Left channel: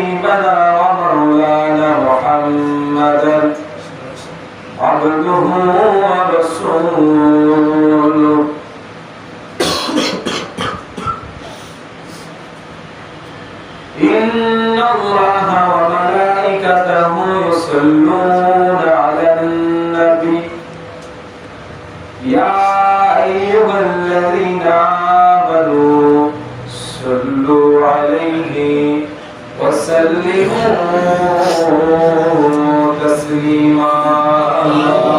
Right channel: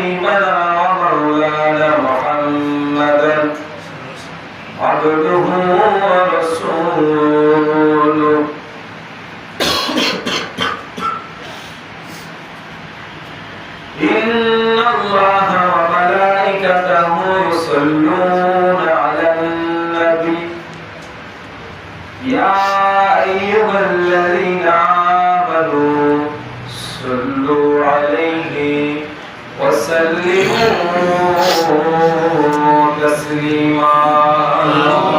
وحبيبنا ومولانا محمدا عبده ورسوله. إن الله وملائكته يصلون على النبي. يا أيها الذين آمنوا وسلموا تسليما اللهم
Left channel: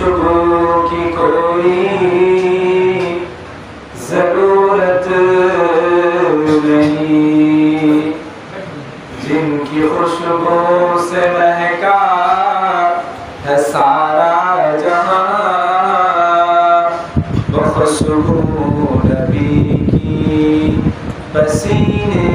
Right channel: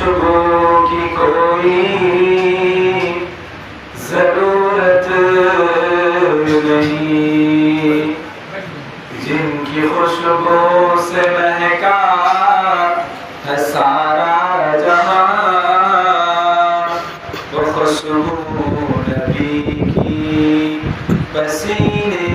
खुशबू की कोई ज़रूरत नहीं। जिनकी खुशबू से महका है सारा जहाँ वो खुशबू नबी की पसीने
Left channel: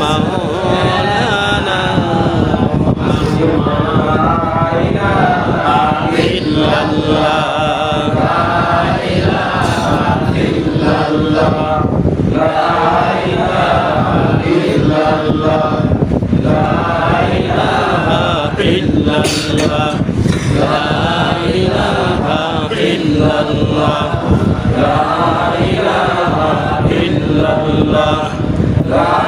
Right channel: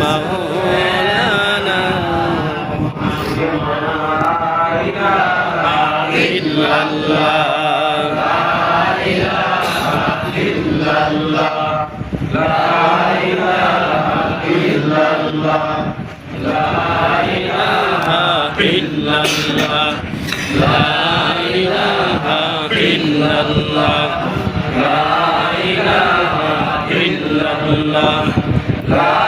مولانا إلا الله إلا الله لا إله إلا الله لا إله إلا الله لا إله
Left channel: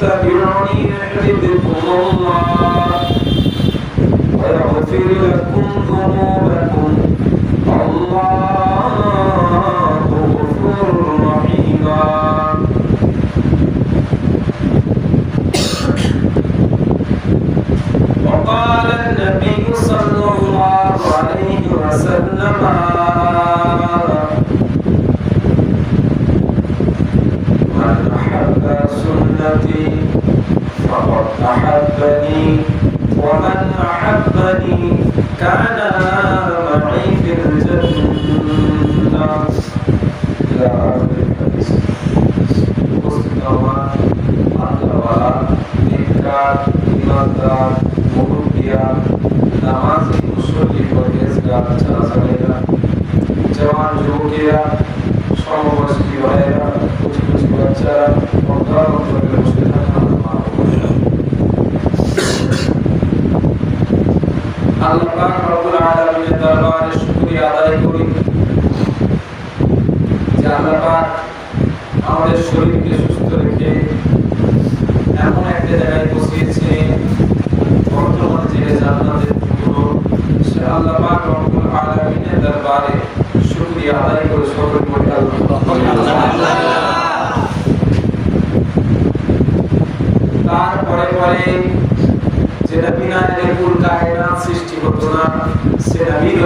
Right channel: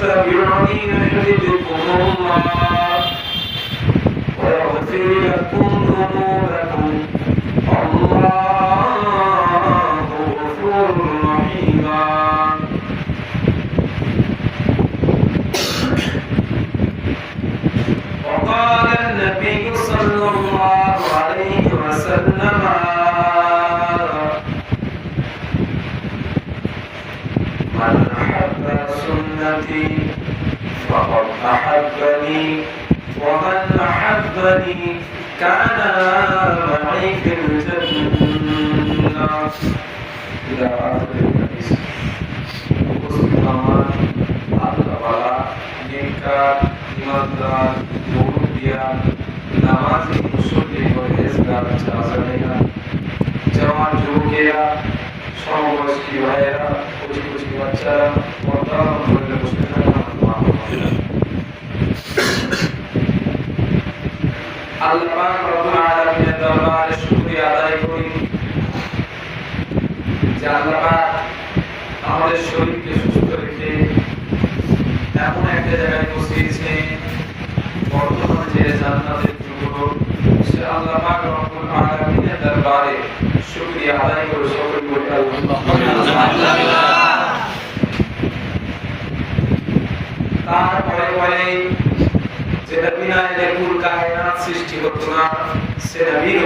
فاتبعوني يحببكم الله ويغفر لكم ذنوبكم الله غفور رحيم وقال النبي وسلم من أحب سنتي فقد أحبني ومن أحبني كان معي في الجنة إلى آخر الحديث উপস্থিত আমার আল্লাহওয়ালা নেককার ইমানদার মুরব্বিয়া নামাজি মুসল্লি পরহেজগার চাচালেরা জওয়ান যুবকেরা, সমবয়স্ক ভাইয়েরা কুচি কুচি বাচ্চারা পর্দা করে বসে থাকা আদায় করি যে আল্লাহ আমাদের শরীরকে সুস্থ রেখে এমন একটা জায়গায় বসিয়েছে বর্তমানে যে জান্নাতের আল্লাহ পাক রব্বুল আলামিনের দরবারে শুকরিয়া আল্লাহ তারপরে পরে যেটা বিনা দিলে কুল কায়নাত সৃষ্টি করতো না সে নবীর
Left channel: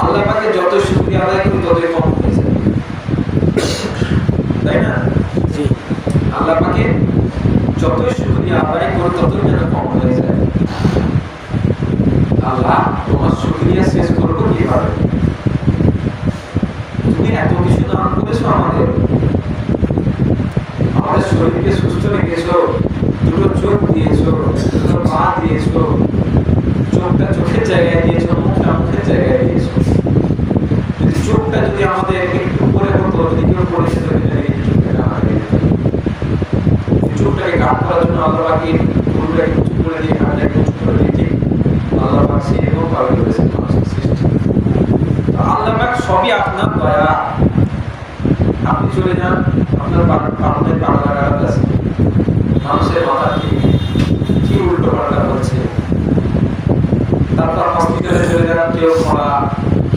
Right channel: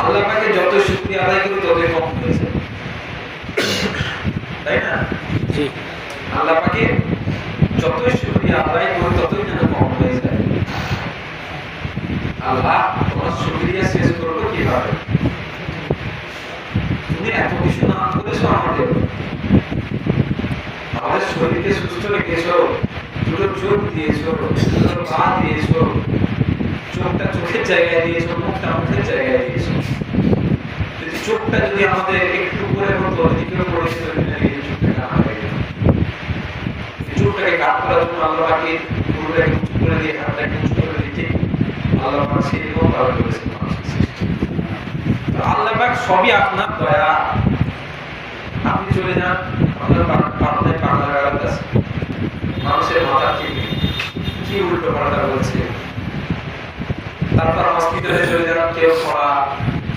আল্লাহ যত শুকরিয়া আদায় করি কম হয়ে যায় তাই না জি আল্লাহ পাকে যতই শুকরিয়া আদায় করি ততই যেন কম হয়ে যায়। আল্লাহ তোমার শুকরিয়া শেষ করব কীভাবে? তুমি এত কিছু নাম করেছ আমাদের। আমাদের শরীরকে সুস্থ রেখেছো, দুটো চোখ দিয়েছ, দুটো পা দিয়েছ, চোখটা চোখের জায়গায় দিয়েছ, মুখটা মুখের জায়গায় দিয়েছ। যদি চোখটা যদি আমাদের একটু করে হতো, যদি কেউ পড়েছিল চোখটা চোখটাকে কাট করার জন্য আল্লাহ পাকে পুরোটাকে উঁচু করে দিয়ে হাতটাকে উঁচু করে দিতে আল্লাহ পাক সেই রকম ভাবে করেছেন আল্লাহ পাক সবই আপনার দয়া। আপনি চলে যান, আপনার আমাদের বাংলা গান আছে মানুষের মাথা কি কি উল্টো পাল্টা বলছে? তারপর হসপিটালে চলে যান, কেউ খরা